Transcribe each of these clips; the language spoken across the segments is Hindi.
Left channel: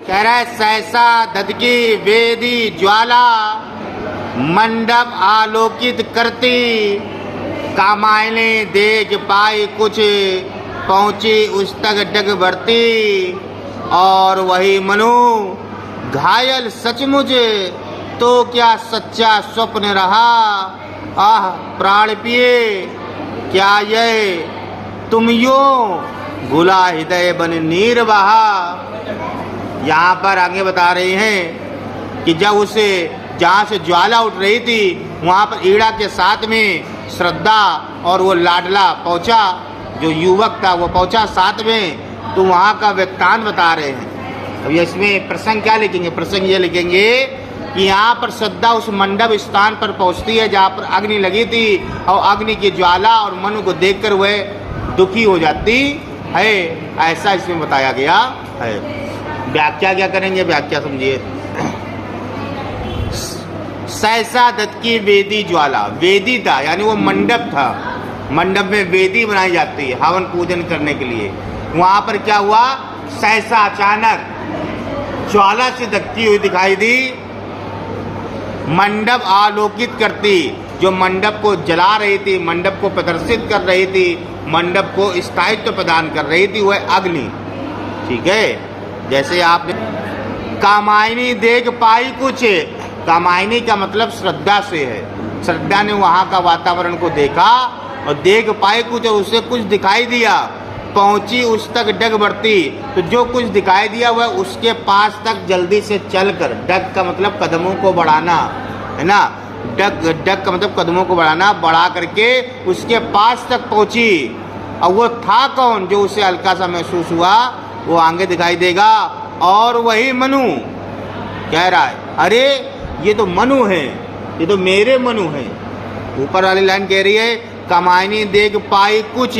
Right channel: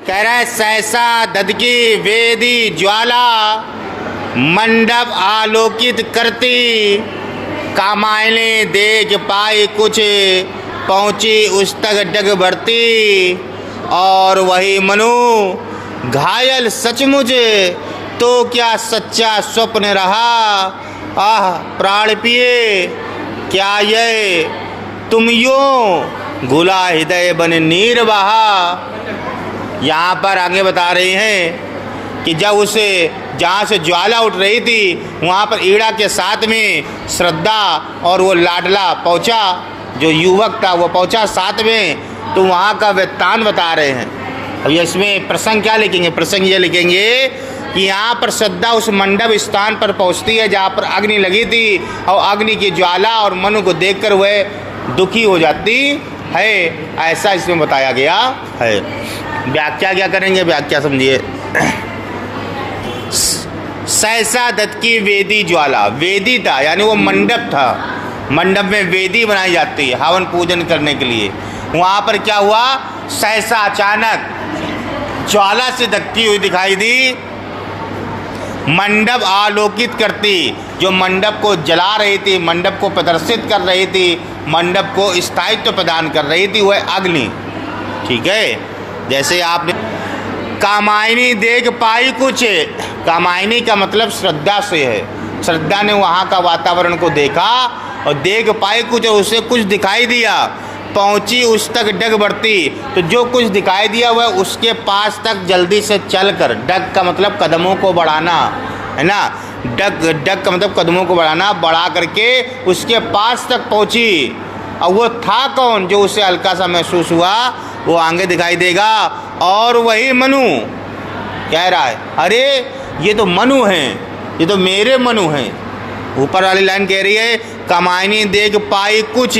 कह रहा है सहसा ददकी वेदी ज्वाला मंडप आलोकित करती, कामायने देख पाई कुछ पहुँची उस तक डग बढ़ती। और वही मनु घायल सचमुच, तो क्या सच्चा स्वप्न रहा। आह प्राण पिए क्या ये तुम यूं, घुला हृदय बन नीर बहा। यहाँ पर आगे बता रही हैं कि जब उसे जहाँ से ज्वाला उठ रही थी वहाँ पर ईड़ा के साथ में श्रद्धा और वो लाडला पहुँचा, जो युवक था वो पहुँचा साथ में। तो वहाँ का वृत्तांत बता रहे हैं। अब इसमें प्रसंग क्या लिखेंगे, प्रसंग ये लिखेंगे कि यहाँ पर श्रद्धा उस मंडप स्थान पर पहुँचती है जहाँ पर अग्नि लगी थी, और अग्नि की ज्वाला और मनु को देखकर वह दुखी हो जाती है, ऐसा इसमें बताया गया है। व्याख्या क्या करेंगे, व्याख्या समझिए। सहसा दत्त की वेदी ज्वाला, वेदी था यानी वो मंडप था, मंडप में वेदी बनाई जाती है हवन पूजन करने के लिए। वहाँ पर क्या हुआ, सहसा अचानक ज्वाला से धकती हुई दिखाई दी, मंडप आलोकित करती, जो मंडप को जला रही थी, मंडप को प्रदर्शित कर रही थी, मंडप को स्थायित्व प्रदान कर रही थी, वह अग्नि। ठीक है, जैसे आपने कामायनी देख पाई कुछ, कामायनी का मतलब श्रद्धा से है। श्रद्धा ने वहाँ का वातावरण को देखा और देख पाई कुछ, और उसे कुछ दिखाई दिया, पहुँची उस तक डग बढ़ती। तो जो कुछ दिखाई दिया वह उसके पास तक जल्दी से चलकर, डग का मतलब कदमों को बढ़ाना है ना, डग का मतलब कदमों को बढ़ाना, बढ़ा करके उसके पास तक पहुँची। और वो था कौन, जो उसे हल्का सा महसूस हुआ वो आगे दिखाई देगा। और वही मनु कह रहा है, अरे ये तो मनु हैं, ये तो मेरे मनु हैं। ऊपर वाली लाइन कह रही है कामायनी देख पाई कुछ,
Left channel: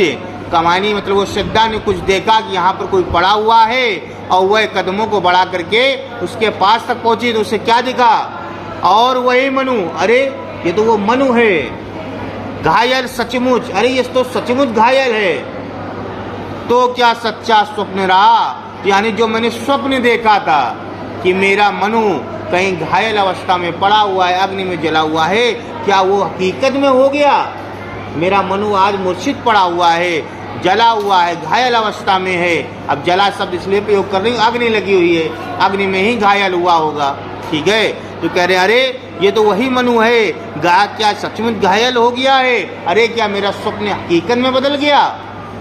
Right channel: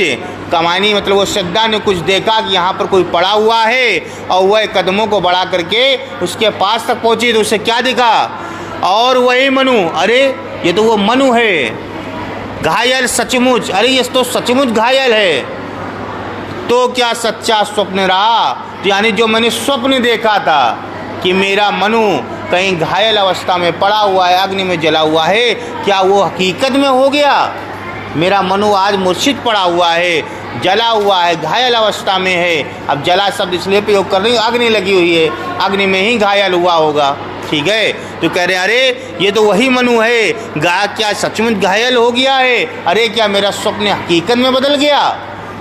कामायनी मतलब वो श्रद्धा ने कुछ देखा कि यहाँ पर कोई पड़ा हुआ है, और वह कदमों को बढ़ा करके उसके पास तक पहुँची। तो उसे क्या दिखा, और वही मनु, अरे ये तो वो मनु है, घायल सचमुच, अरे ये तो सचमुच घायल है। तो क्या सच्चा स्वप्न रहा, तो यानी जो मैंने स्वप्न देखा था कि मेरा मनु कहीं घायल अवस्था में पड़ा हुआ है, अग्नि में जला हुआ है, क्या वो हकीकत में हो गया। मेरा मनु आज मूर्छित पड़ा हुआ है, जला हुआ है, घायल अवस्था में है। अब जला शब्द इसलिए प्रयोग कर रही हूँ, अग्नि लगी हुई है, अग्नि में ही घायल हुआ होगा। ठीक है, तो कह रहे हैं अरे ये तो वही मनु है, क्या सचमुच घायल हो गया है। अरे क्या मेरा स्वप्न हकीकत में बदल गया,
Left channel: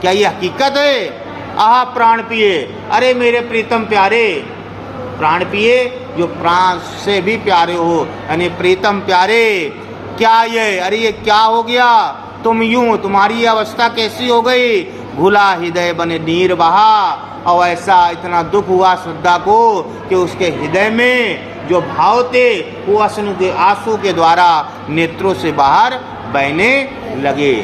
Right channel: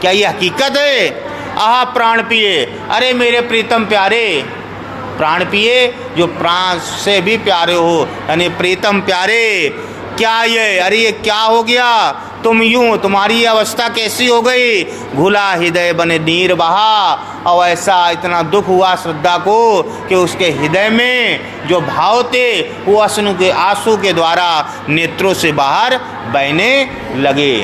क्या ये हकीकत है। आह प्राण पिए, अरे मेरे प्रीतम प्यारे, प्राण पिए जो प्राण से भी प्यारे हो, यानी प्रीतम प्यारे, क्या ये, अरे ये क्या हो गया, तुम यूं, तुम्हारी अवस्था कैसी हो गई। घुला हृदय बने नीर बहा, और ऐसा इतना दुख हुआ श्रद्धा को कि उसके हृदय में जो भाव थे वो अश्रु के आंसू के द्वारा नेत्रों से बाहर बहने लगे।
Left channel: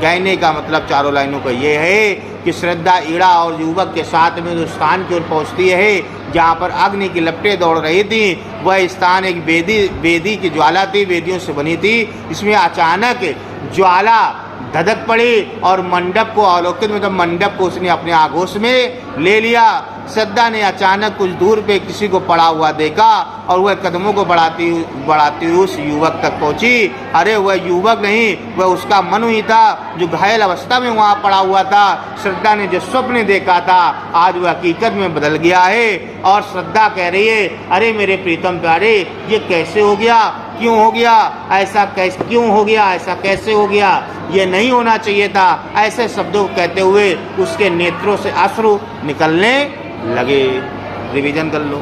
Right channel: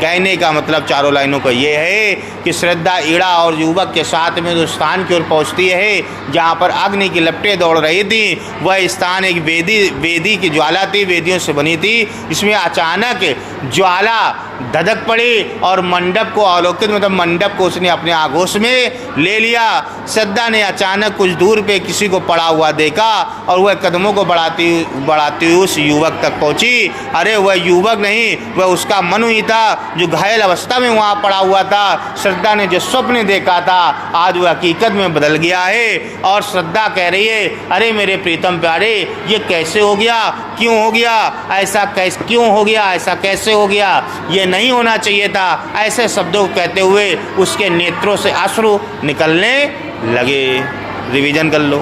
कहने का मतलब चारों लाइनों का ये है कि श्रद्धा ईड़ा और युवक के साथ में जो स्थान की ओर पहुँचती है जहाँ पर अग्नि की लपटें दौड़ रही थी, वह स्थान एक वेदी की ज्वाला थी, वेदियों से बनी थी। इसमें अचानक ज्वाला धधक पड़ी और मंडप को आलोकित, मतलब मंडप को उसने अपने आगोश में ले लिया। श्रद्धा ने अचानक कुछ दूर पे किसी को पड़ा हुआ देखा और वह कदमों को बढ़ाती हुई उस युवक तक पहुंची। अरे वह युवक नहीं, वह उसका मनु ही था जो घायल अवस्था में वहाँ पड़ा हुआ था। श्रद्धा ने जो स्वप्न देखा था आज वह हकीकत में बदल गया है। और श्रद्धा कह रही है अरे मेरे प्रीतम प्यारे, ये कैसे हो गया, क्यों हो गया ऐसा, क्यों हो गया ऐसा, कैसे हो गया, ये नहीं होना चाहिए था। ऐसे शब्दों को कहते हुए उसके नेत्रों से अश्रु निकलने लगे। रिवीजन कर लो।